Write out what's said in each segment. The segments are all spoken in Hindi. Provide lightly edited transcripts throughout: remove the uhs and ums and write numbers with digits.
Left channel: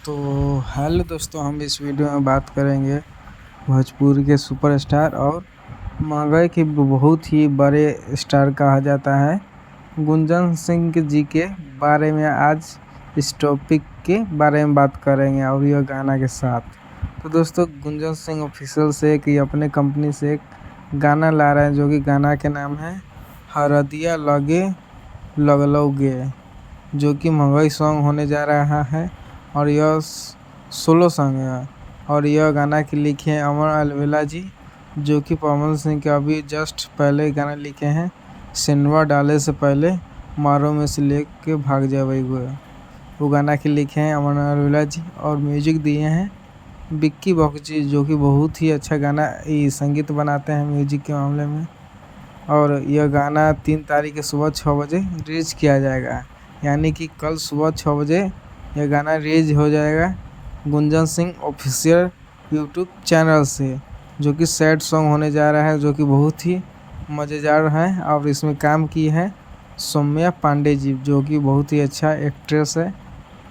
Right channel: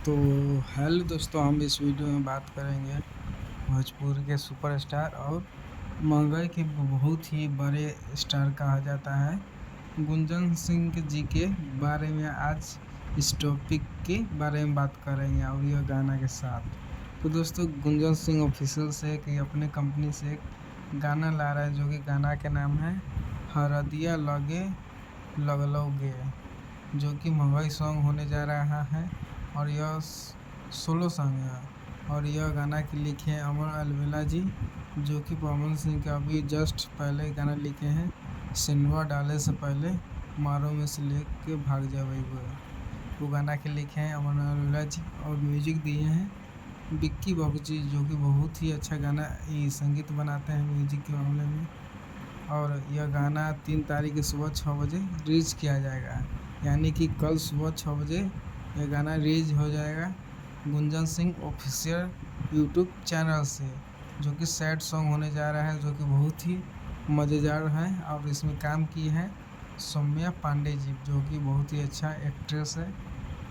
तो हेलो दोस्तों, हम इस वीडियो में बात करेंगे भोजपुरी के सुपरस्टार और महंगाई के बहुत ही बड़े स्टार कहा जाता है गुंजन सिंह जी के बारे में। आज इस टॉपिक के बारे में बात करेंगे और यह गाना के साथ। तो दोस्तों, गुंजन सिंह ऑफिशियल से कि अपने कंपनी से एक गाना ला रहे हैं, जो कि गाना के नाम है हरदिया लगे लगलोगे, जो कि महंगाई सॉन्ग होने जा रहा है और यह सोलो सॉन्ग है। और यह गाना के लिखे हैं अमर अलवेला जी, जो कि पवन सिंह के अभी जस्ट पहले गाना लिखे हैं सिनेमा डाले से पहले, मारो में से ले के भाग जा वही वो गाना के लिखे हैं अमर अलवेला जी। और म्यूजिक दिए हैं बिक्की बख्शी, जो कि बहुत ही अच्छा गाना संगीत बनाते हैं म्यूजिक के मामले में। और यह गाना 3 तारीख के सुबह 6 बजे रिलीज किया जाएगा, यानी कि कल सुबह 6 बजे यह गाना रिलीज हो जाएगा Gunjan Singh official YouTube channel से, जो कि सैड सॉन्ग होने जा रहा है, जो कि बहुत ही मज़ेदार है। और इसमें काम की है सौम्या पांडे जी, जो कि बहुत ही अच्छा एक्ट्रेस है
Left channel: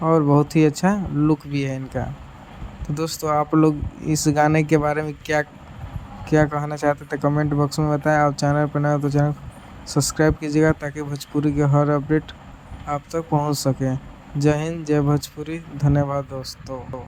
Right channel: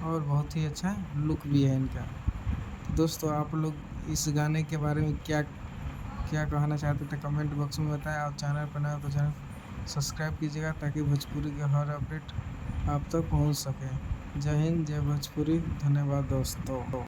और बहुत ही अच्छा लुक भी है इनका। तो दोस्तों, आप लोग इस गाने के बारे में क्या क्या कहना चाहते थे कमेंट बॉक्स में बताएं। और चैनल पर नए हो तो चैनल सब्सक्राइब कीजिएगा, ताकि भोजपुरी के हर अपडेट आप तक पहुंच सके। जय हिंद, जय भोजपुरी, धन्यवाद दोस्तों।